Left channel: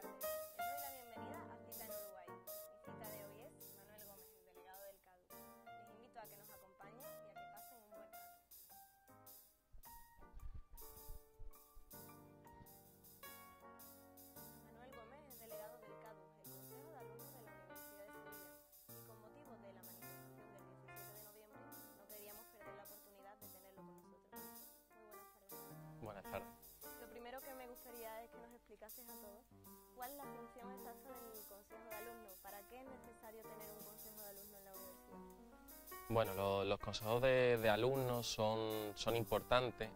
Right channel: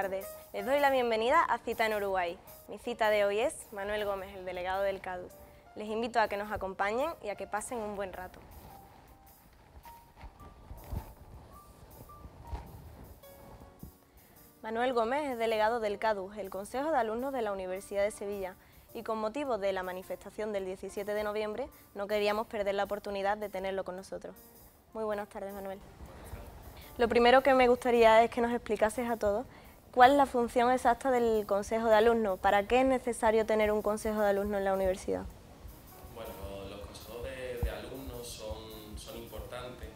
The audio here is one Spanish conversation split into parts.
tardes. Les doy la bienvenida a Cita en Uruguay. Mi cita de hoy es Manuel Gómez, el delegado del CADU. Les invito a que nos acompañen y a que pasen un buen rato. Manuel Gómez es delegado del CADU, el Consejo de Alumnos de la Universidad de Sevilla, y con motivo de la manifestación del 17 de noviembre no queríamos perder la oportunidad de tenerlo con nosotros. Muy buenas tardes, Manuel. Buenas tardes. Lo primero que me gustaría es que nos explicases a todos cuál es la función exacta del Consejo de Alumnos. ¿Para qué es necesario tener un Consejo de Alumnos en la universidad? Bueno, los consejos de alumnos son importantes,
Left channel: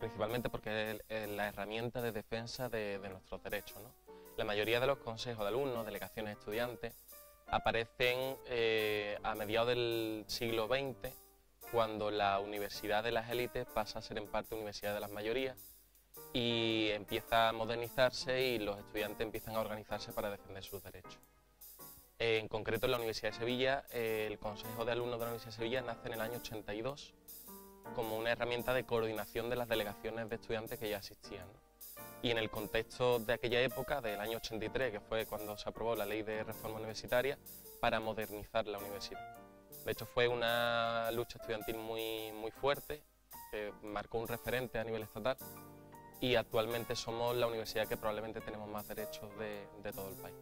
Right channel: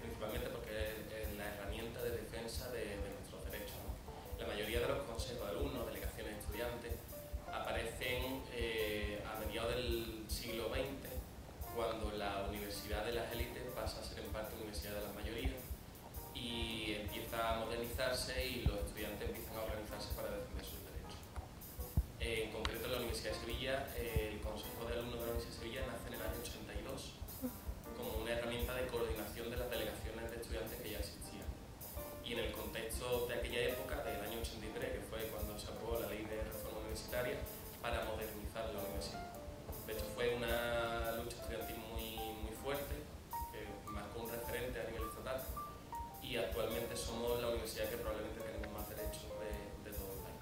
principalmente porque es la herramienta de defensa de nuestros derechos, ¿no? La mayoría de los consejos de alumnos, delegaciones de estudiantes, aparecen a mediados del siglo XX, cuando la universidad de las élites pasa a ser en parte universidad de las mayorías y empieza a modernizarse y los estudiantes empiezan a organizarse para defender sus derechos. En concreto, en la Universidad de Sevilla, el Consejo de Alumnos de la Universidad de Sevilla nace en el año 82 como una herramienta de coordinación de las delegaciones de estudiantes que ya existían. Y en el contexto de aquella época, del año 83, que fue cuando se aprobó la Ley de Reforma Universitaria, para modernizar la universidad. De hecho, fue una lucha estudiantil muy fuerte, que marcó un referente a nivel estatal, y actualmente somos la universidad que probablemente tenemos más derechos de todo el país.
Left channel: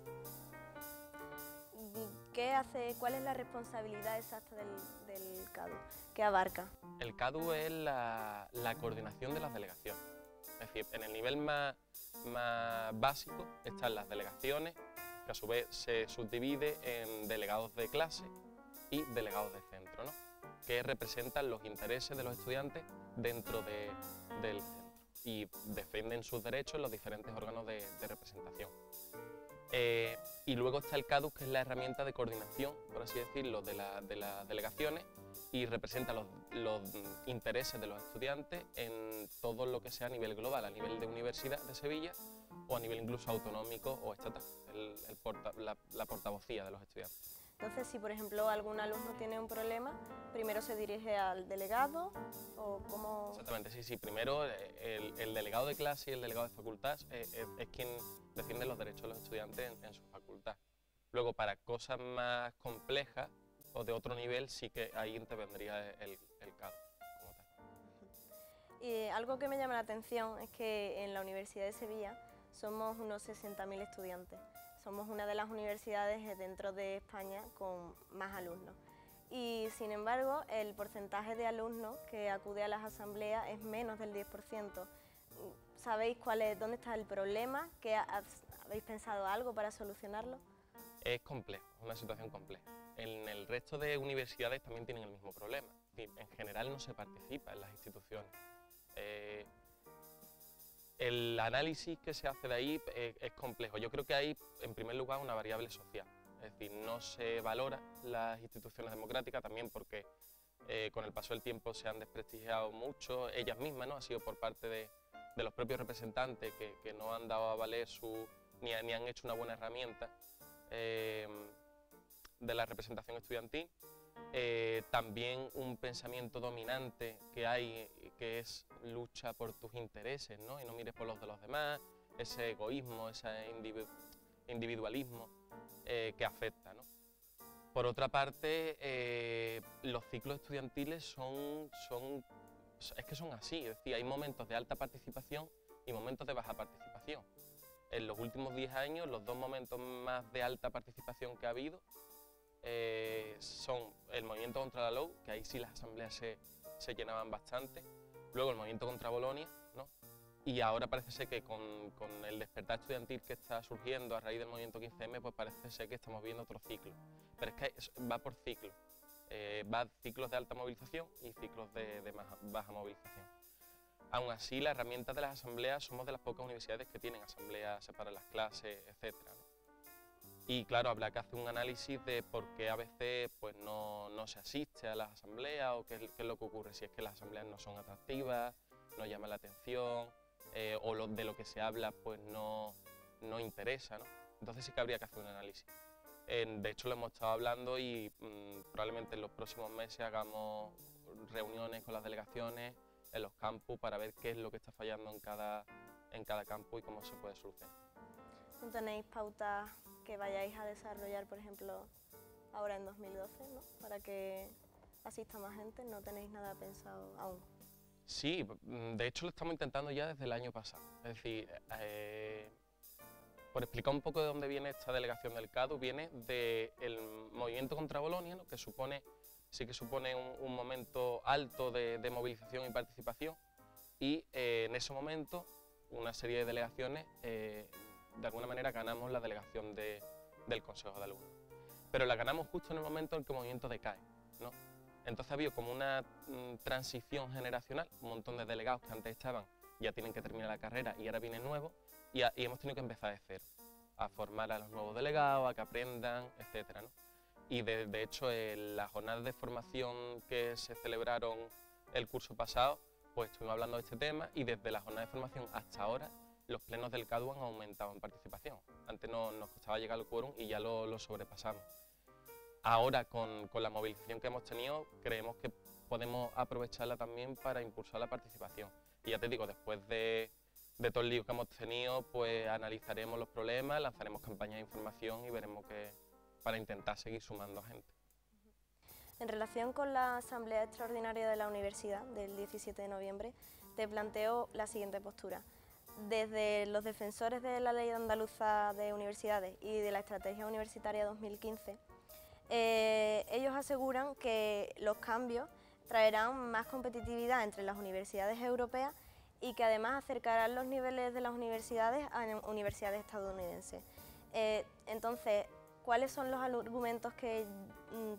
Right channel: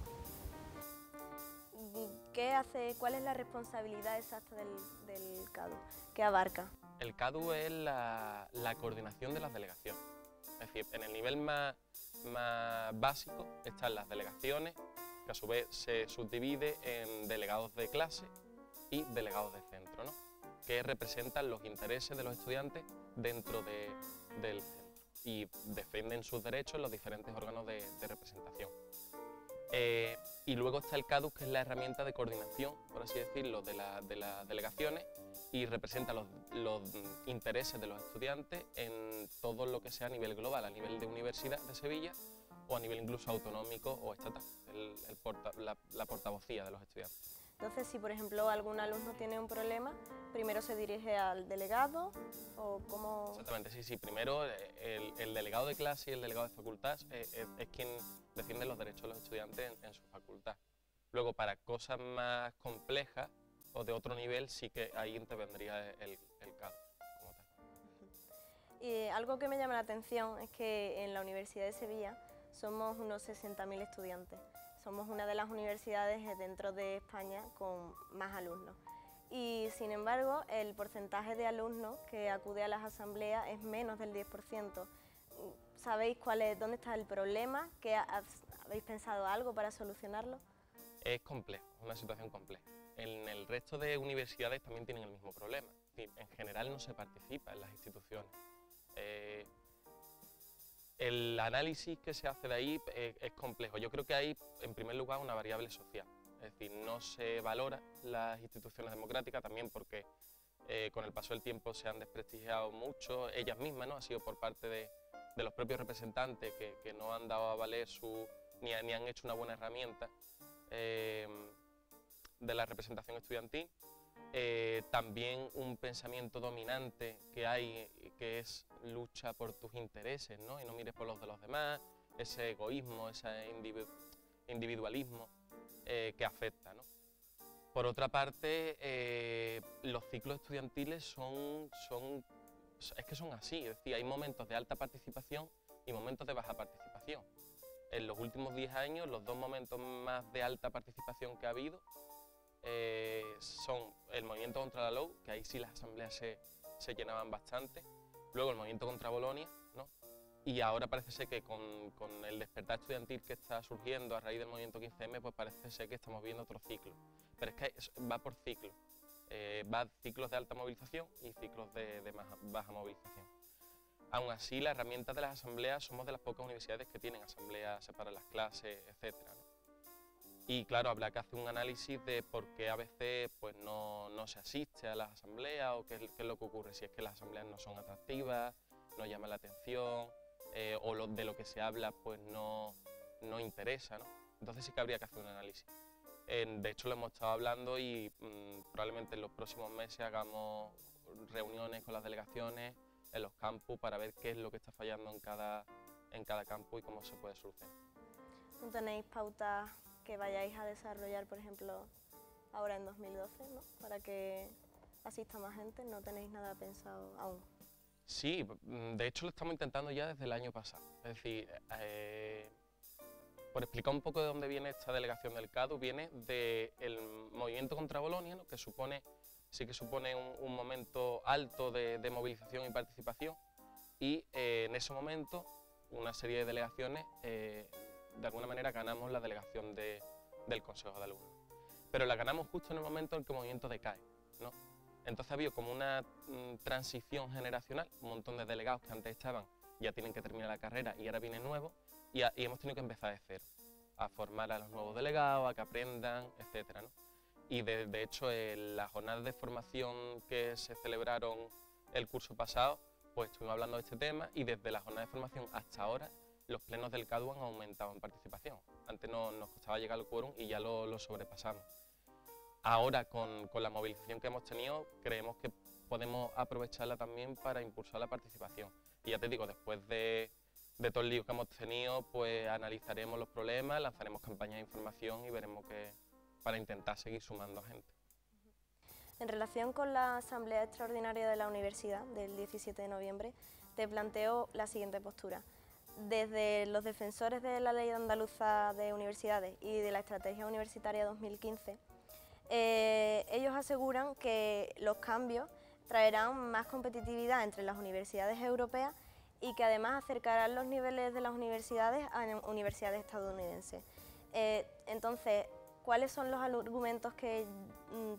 ¿Cuál es la responsabilidad exacta del CADU? ¿Qué abarca? El CADU es la coordinación de las delegaciones. Es decir, en el nivel más básico están las delegaciones, que a su vez se subdivide en delegados de clase y delegados de centro, ¿no? Que representan los intereses de los estudiantes dentro del centro y defienden sus derechos en los diferentes órganos de representación. Y luego está el CADU, que es la herramienta de coordinación, por así decirlo, de las delegaciones y representa los intereses de los estudiantes en todo lo que sea a nivel global, a nivel de Universidad de Sevilla o a nivel incluso autonómico o estatal, la portavocía de los estudiantes. Entonces, si por ejemplo algún alumno tiene un problema, primero se dirige al delegado o cómo... Exactamente, sí. Primero el delegado de clase y el delegado de facultad es quien defiende los derechos de los estudiantes en su facultad. Luego, para cosas más complejas o de otro nivel, sí que ahí intervendría el CADU como tal. Y algo que me llama la atención es que en la Universidad de Sevilla somos unos 60.000 estudiantes. Somos una de las universidades dentro de España con más alumnos. Y sin embargo, el porcentaje de alumnos que acude a las asambleas es menos del 10%. ¿Sabéis dónde está el problema? ¿Habéis pensado algo para solucionarlo? Es complejo, es una situación compleja. En el resto de universidades también tienen el mismo problema. En general no se participa en las instituciones. El análisis que se hace de ahí es complejo. Yo creo que hay, en primer lugar, una variable social. Es decir, no se valora las instituciones democráticas también porque con el paso del tiempo se han desprestigiado mucho ellas mismas, ¿no? Ha sido por parte de los propios representantes que no han dado a valer ni han hecho una buena herramienta de la representación estudiantil. También un pensamiento dominante que hay, que es lucha por tus intereses, ¿no? Y no mires por los de los demás, ese egoísmo, ese individualismo que afecta, ¿no? Por otra parte, los ciclos estudiantiles son así, es decir, hay momentos de alta participación y momentos de baja participación. En los últimos 10 años, los dos momentos más de alta participación que ha habido son el movimiento contra la LOU, que ahí sí las asambleas se llenaban bastante, luego el movimiento contra Bolonia, ¿no? Y ahora parece ser que con el despertar estudiantil que está surgiendo a raíz del movimiento 15M, pues parece ser que estamos viendo otro ciclo. Pero es que va por ciclos, va ciclos de alta movilización y ciclos de baja movilización. Aún así, la herramienta de las asambleas, somos de las pocas universidades que tienen asambleas, separan las clases, etcétera, ¿no? Y claro, habrá que hacer un análisis de por qué a veces pues, no se asiste a las asambleas o qué es lo que ocurre, si es que las asambleas no son atractivas, no llaman la atención o de lo que se habla pues no interesa, ¿no? Entonces sí que habría que hacer un análisis. De hecho lo hemos estado hablando y probablemente en los próximos meses hagamos reuniones con las delegaciones en los campus para ver qué es lo que está fallando en cada campus y cómo se puede solucionar. ¿No tenéis pautas que vayáis a desarrollar, por ejemplo, ahora en 2012, ¿no? Para que asista más gente? ¿No tenéis nada pensado aún? Sí, de hecho lo estamos intentando ya desde el año pasado. Es decir, por explicar un poco de dónde viene esta delegación del CADU, viene del movimiento contra Bolonia, ¿no? Que sí que supone un momento alto de movilización y participación, y en ese momento una serie de delegaciones, de alguna manera ganamos la delegación del Consejo de Alumnos. Pero la ganamos justo en el momento en que el movimiento decae, ¿no? Entonces ha habido como una transición generacional, un montón de delegados que antes estaban ya tienen que terminar la carrera y ahora vienen nuevos, y hemos tenido que empezar de cero, a formar a los nuevos delegados, a que aprendan, etcétera, ¿no? Y de hecho las jornadas de formación que se celebraron el curso pasado, pues estuvimos hablando de este tema, y desde la jornada de formación hasta ahora los plenos del CADU han aumentado en participación. Antes nos costaba llegar al quórum y ya lo sobrepasamos. Ahora, con la movilización que hemos tenido, creemos que podemos aprovecharla también para impulsar la participación. Y ya te digo, después de todo el lío que hemos tenido, pues analizaremos los problemas, lanzaremos campañas de información y veremos para intentar seguir sumando a gente. En relación con la Asamblea Extraordinaria de la Universidad del 17 de noviembre, te planteo la siguiente postura. Desde los defensores de la Ley Andaluza de Universidades y de la Estrategia Universitaria 2015, ellos aseguran que los cambios traerán más competitividad entre las universidades europeas y que además acercarán los niveles de las universidades a universidades estadounidenses. Entonces, ¿cuáles son los argumentos que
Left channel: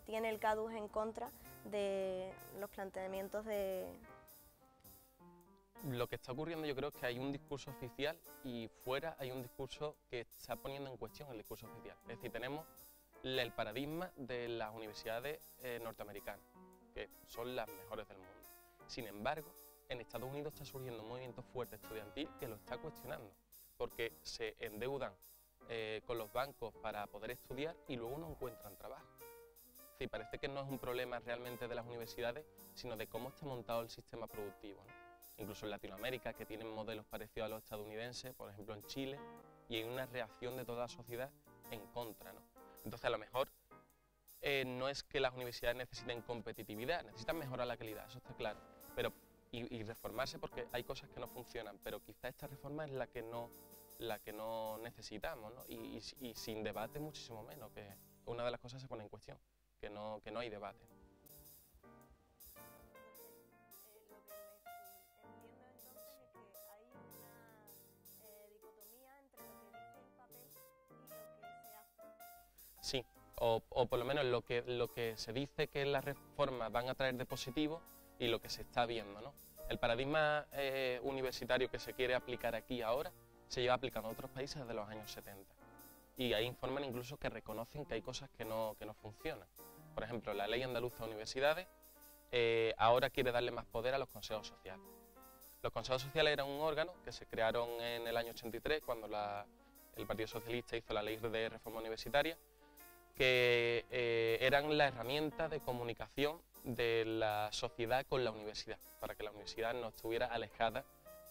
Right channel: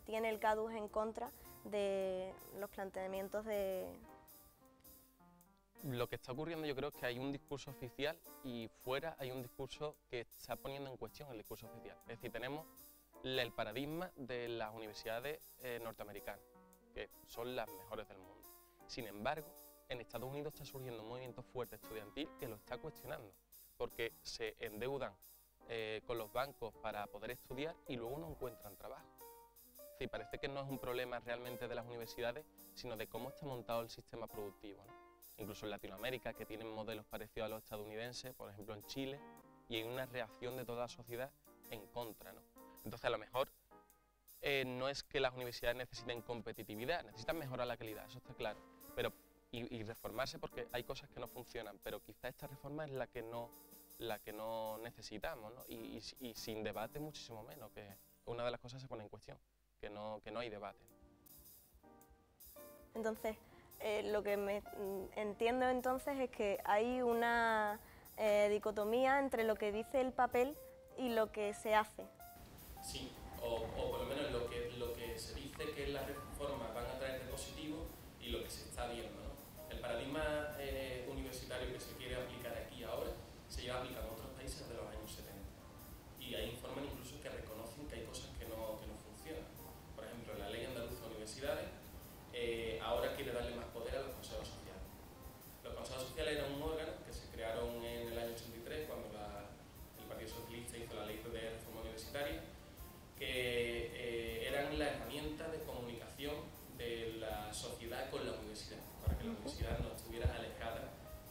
tiene el CADU en contra de los planteamientos de...? Lo que está ocurriendo, yo creo, es que hay un discurso oficial y fuera hay un discurso que está poniendo en cuestión el discurso oficial. Es decir, tenemos el paradigma de las universidades norteamericanas, que son las mejores del mundo. Sin embargo, en Estados Unidos está surgiendo un movimiento fuerte estudiantil que lo está cuestionando, porque se endeudan con los bancos para poder estudiar y luego no encuentran trabajo. Sí, parece que no es un problema realmente de las universidades, sino de cómo está montado el sistema productivo, ¿no? Incluso en Latinoamérica, que tienen modelos parecidos a los estadounidenses, por ejemplo en Chile, y hay una reacción de toda la sociedad en contra, ¿no? Entonces, a lo mejor no es que las universidades necesiten competitividad, necesitan mejorar la calidad, eso está claro, pero, y reformarse porque hay cosas que no funcionan, pero quizá esta reforma es la que no necesitamos, ¿no? Y sin debate muchísimo menos, que una de las cosas se pone en cuestión, que no hay debate. Entonces, lo que entiendo entonces es que hay una dicotomía entre lo que dice el papel y lo que se hace. Sí, o por lo menos lo que se dice que las reformas van a traer de positivo y lo que se está viendo, ¿no? El paradigma universitario que se quiere aplicar aquí ahora se lleva aplicando en otros países desde los años 70. Y ahí informan incluso que reconocen que hay cosas que no funcionan. Por ejemplo, la Ley Andaluza de Universidades ahora quiere darle más poder a los consejos sociales. Los consejos sociales eran un órgano que se crearon en el año 83, cuando el Partido Socialista hizo la Ley de Reforma Universitaria, que eran la herramienta de comunicación de la sociedad con la universidad, para que la universidad no estuviera alejada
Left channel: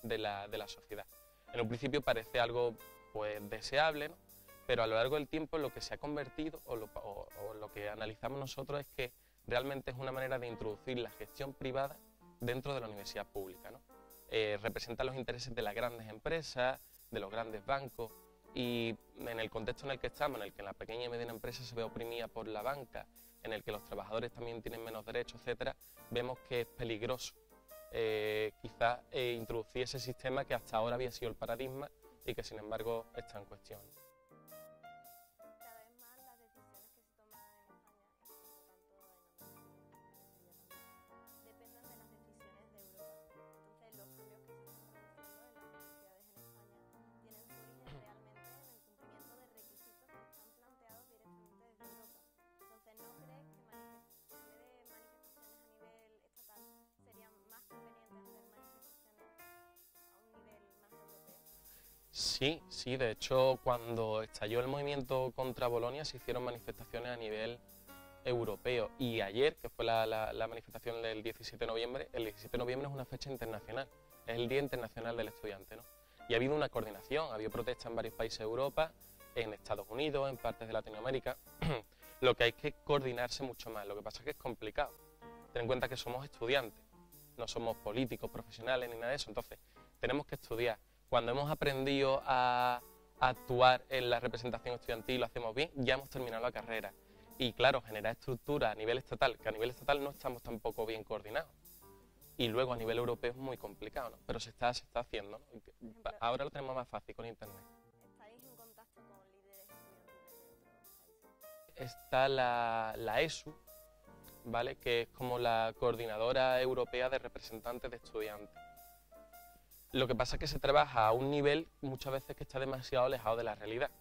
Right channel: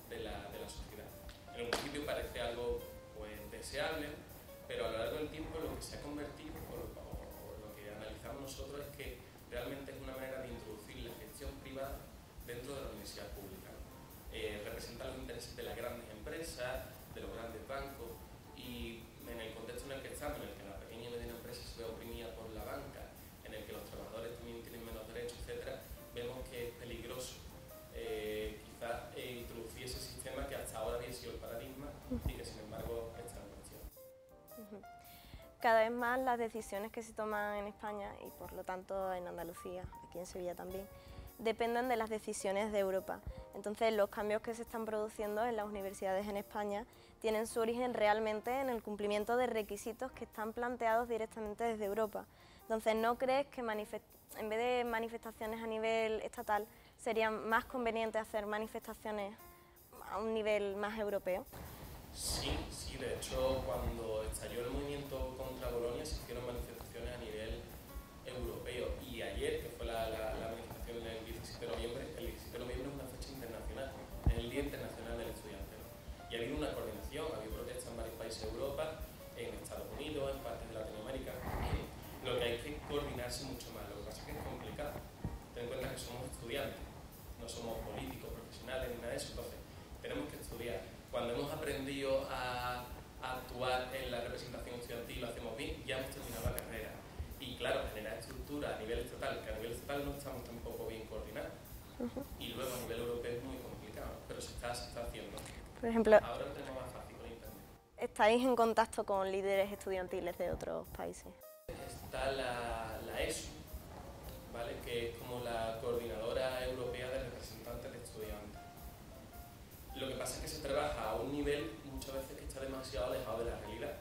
de la sociedad. En un principio parece algo pues deseable, pero a lo largo del tiempo lo que se ha convertido, o lo que analizamos nosotros, es que realmente es una manera de introducir la gestión privada dentro de la universidad pública, ¿no? Representa los intereses de las grandes empresas, de los grandes bancos, y en el contexto en el que estamos, en el que la pequeña y mediana empresa se ve oprimida por la banca, en el que los trabajadores también tienen menos derechos, etcétera, vemos que es peligroso quizás introducir ese sistema que hasta ahora había sido el paradigma y que sin embargo está en cuestión. Cada vez más las decisiones que se toman en España y por lo tanto en Andalucía, aquí en Sevilla también, dependen de las decisiones de Europa. Entonces los cambios que se están produciendo en las universidades en España tienen su origen realmente en el cumplimiento de requisitos que están planteados directamente desde Europa. Entonces, ¿no crees que en vez de manifestaciones a nivel estatal sería más conveniente hacer manifestaciones a un nivel más europeo? Sí, de hecho cuando estalló el movimiento contra Bolonia se hicieron manifestaciones a nivel europeo, y ayer, que fue la manifestación del 17 de noviembre, el 17 de noviembre es una fecha internacional, es el Día Internacional del Estudiante, ¿no? Y ha habido una coordinación, ha habido protestas en varios países de Europa, en Estados Unidos, en partes de Latinoamérica. Lo que hay que coordinarse mucho más, lo que pasa es que es complicado. Ten en cuenta que somos estudiantes, no somos políticos, profesionales ni nada de eso, entonces tenemos que estudiar. Cuando hemos aprendido a actuar en la representación estudiantil y lo hacemos bien, ya hemos terminado la carrera. Y claro, generar estructuras a nivel estatal, que a nivel estatal no estamos tampoco bien coordinados. Y luego a nivel europeo es muy complicado, ¿no? Pero se está haciendo. Por ejemplo, ahora lo tenemos más fácil con internet. ¿Estáis en contacto con líderes estudiantiles de otros países? Está la ESU, ¿vale? Que es como la Coordinadora Europea de Representantes de Estudiantes. Lo que pasa es que se trabaja a un nivel muchas veces que está demasiado alejado de la realidad.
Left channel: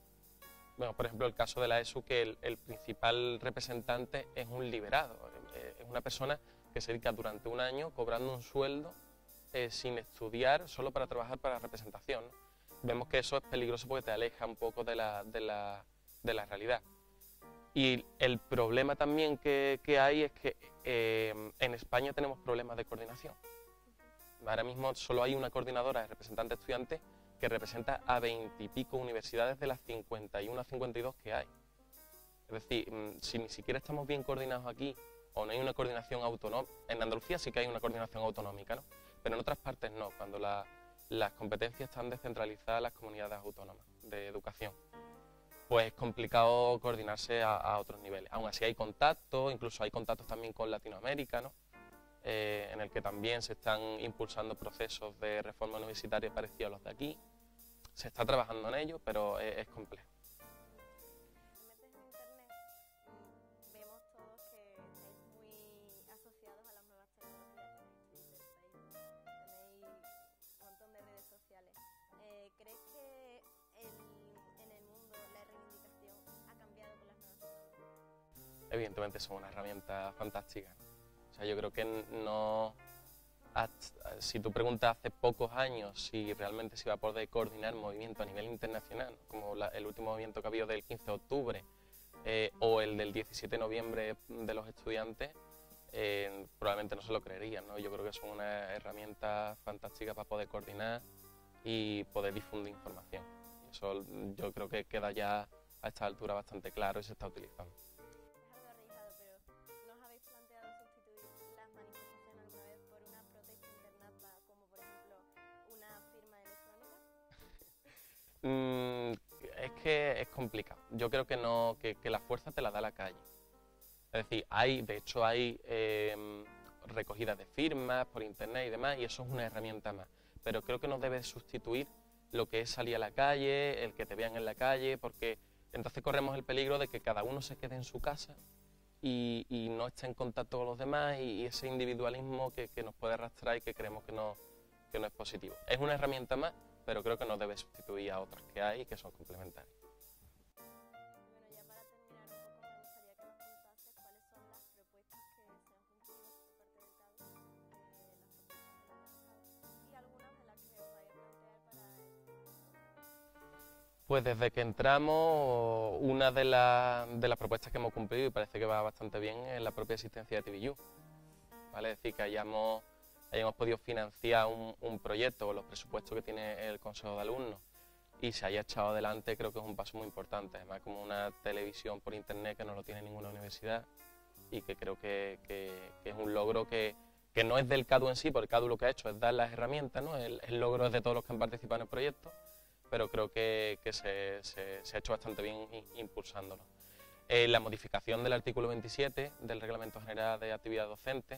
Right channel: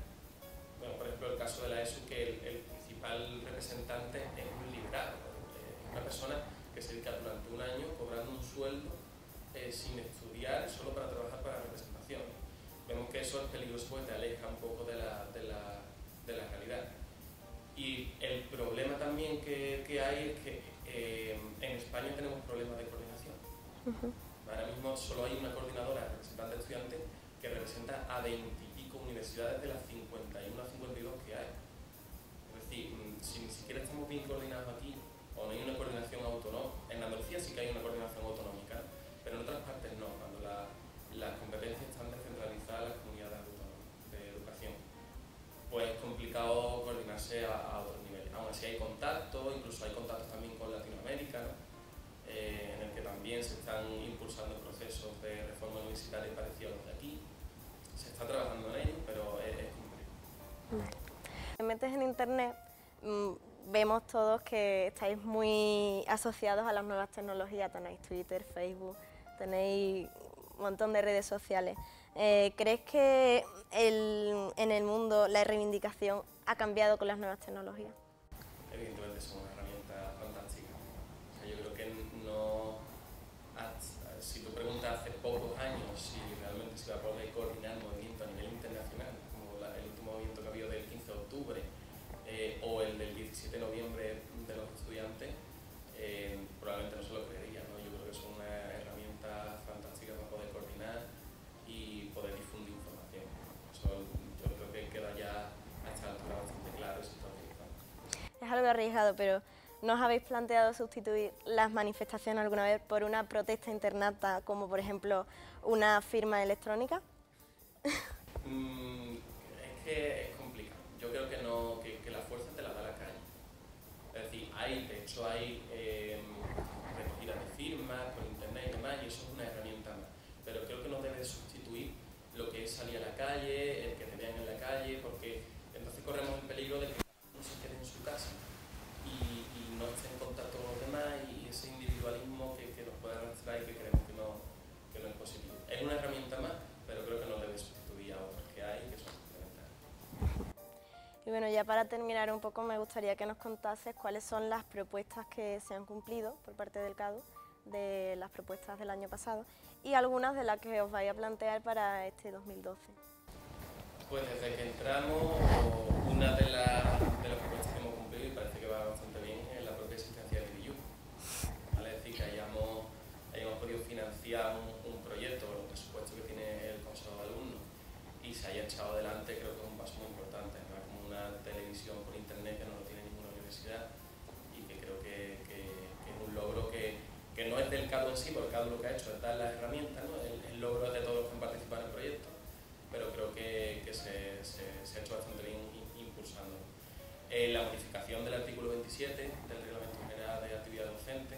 Bueno, por ejemplo, el caso de la ESU, que el principal representante es un liberado, es una persona que se dedica durante un año cobrando un sueldo sin estudiar, solo para trabajar para la representación. Vemos que eso es peligroso porque te aleja un poco de la realidad. Y el problema también que hay es que en España tenemos problemas de coordinación. Ahora mismo solo hay una coordinadora de representantes estudiantes que representa a 20 y pico universidades de las 51 a 52 que hay. Es decir, si ni siquiera estamos bien coordinados aquí, o no hay una coordinación autonómica, en Andalucía sí que hay una coordinación autonómica, ¿no? Pero en otras partes no, cuando las competencias están descentralizadas en las comunidades autónomas de educación, pues es complicado coordinarse a otros niveles. Aún así hay contactos, incluso hay contactos también con Latinoamérica, ¿no? En el que también se están impulsando procesos de reforma universitaria parecidos a los de aquí. Se está trabajando en ello, pero es complejo. Te metes en internet, vemos todos que estáis muy asociados a las nuevas tecnologías, tenéis Twitter, Facebook, tenéis un montón de redes sociales. ¿Crees que en el mundo la reivindicación ha cambiado con las nuevas tecnologías? Evidentemente son una herramienta fantástica. O sea, yo creo que no... Si tú preguntas hace pocos años si realmente se iba a poder coordinar movimiento a nivel internacional, como el último movimiento que ha habido del 15 de octubre o el del 17 de noviembre de los estudiantes, probablemente no se lo creerían, ¿no? Yo creo que son una herramienta fantástica para poder coordinar y poder difundir información. Eso yo creo que queda ya a esta altura bastante claro y se está utilizando. Es algo arriesgado, pero ¿no os habéis planteado sustituir las manifestaciones alguna vez por una protesta internata, como por ejemplo una firma electrónica? Es que es complicado. Yo creo que no, que la fuerza te la da la calle. Es decir, de hecho hay recogidas de firmas por internet y demás, y eso es una herramienta más. Pero creo que no debe sustituir lo que es salir a la calle, el que te vean en la calle, porque entonces corremos el peligro de que cada uno se quede en su casa y no esté en contacto con los demás, y ese individualismo que nos puede arrastrar y que creemos que no es positivo. Es una herramienta más, pero creo que no debe sustituir a otras que hay y que son complementarias. Y bueno, ya para terminar un poco, me gustaría que nos contases cuáles son las propuestas que se han cumplido por parte del CADU, de las propuestas del año pasado, y algunas de las que os vais a plantear para este 2012. Pues desde que entramos, una de las propuestas que hemos cumplido, y parece que va bastante bien, es la propia existencia de TVU. ¿Vale? Es decir, que hayamos podido financiar un proyecto o los presupuestos que tiene el Consejo de Alumnos y se haya echado adelante, creo que es un paso muy importante. Además, como una televisión por internet que no lo tiene ninguna universidad, y que creo que es un logro que no es del CADU en sí, porque el CADU lo que ha hecho es dar las herramientas, ¿no? El logro es de todos los que han participado en el proyecto, pero creo que se ha hecho bastante bien impulsándolo. La modificación del artículo 27 del Reglamento General de Actividad Docente,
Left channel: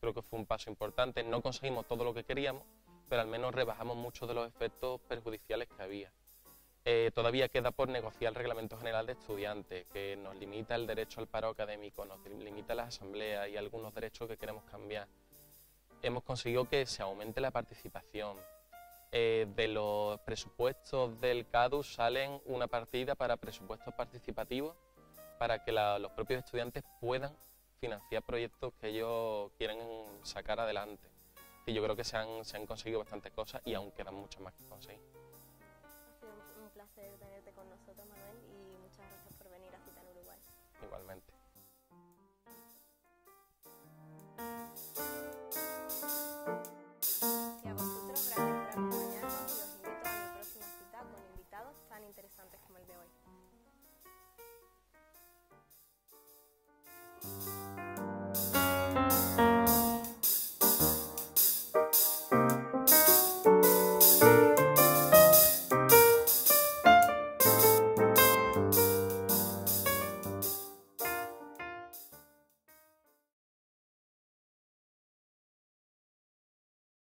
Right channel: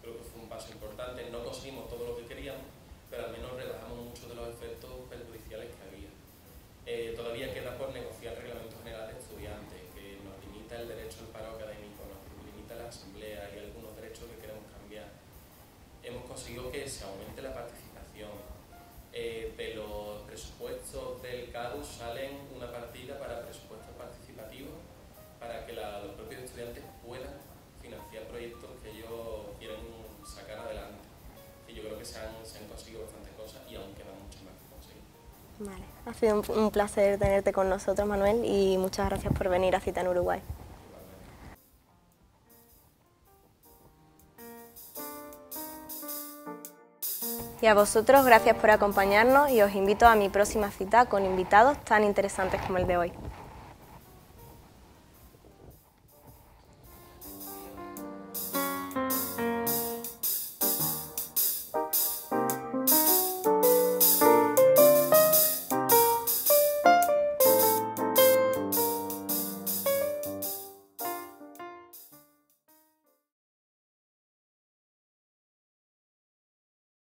creo que fue un paso importante. No conseguimos todo lo que queríamos, pero al menos rebajamos muchos de los efectos perjudiciales que había. Todavía queda por negociar el Reglamento General de Estudiantes, que nos limita el derecho al paro académico, nos limita la asamblea y algunos derechos que queremos cambiar. Hemos conseguido que se aumente la participación. De los presupuestos del CADU salen una partida para presupuestos participativos para que los propios estudiantes puedan financiar proyectos que ellos quieren sacar adelante. Y yo creo que se han conseguido bastantes cosas y aún quedan muchas más que conseguir. Vale. Ha sido un placer tenerte con nosotros, Manuel, y muchas gracias por venir a Cita en Uruguay. Igualmente. Y a vosotros, gracias por acompañarnos y os invito a mi próxima cita con invitados tan interesantes como el de hoy.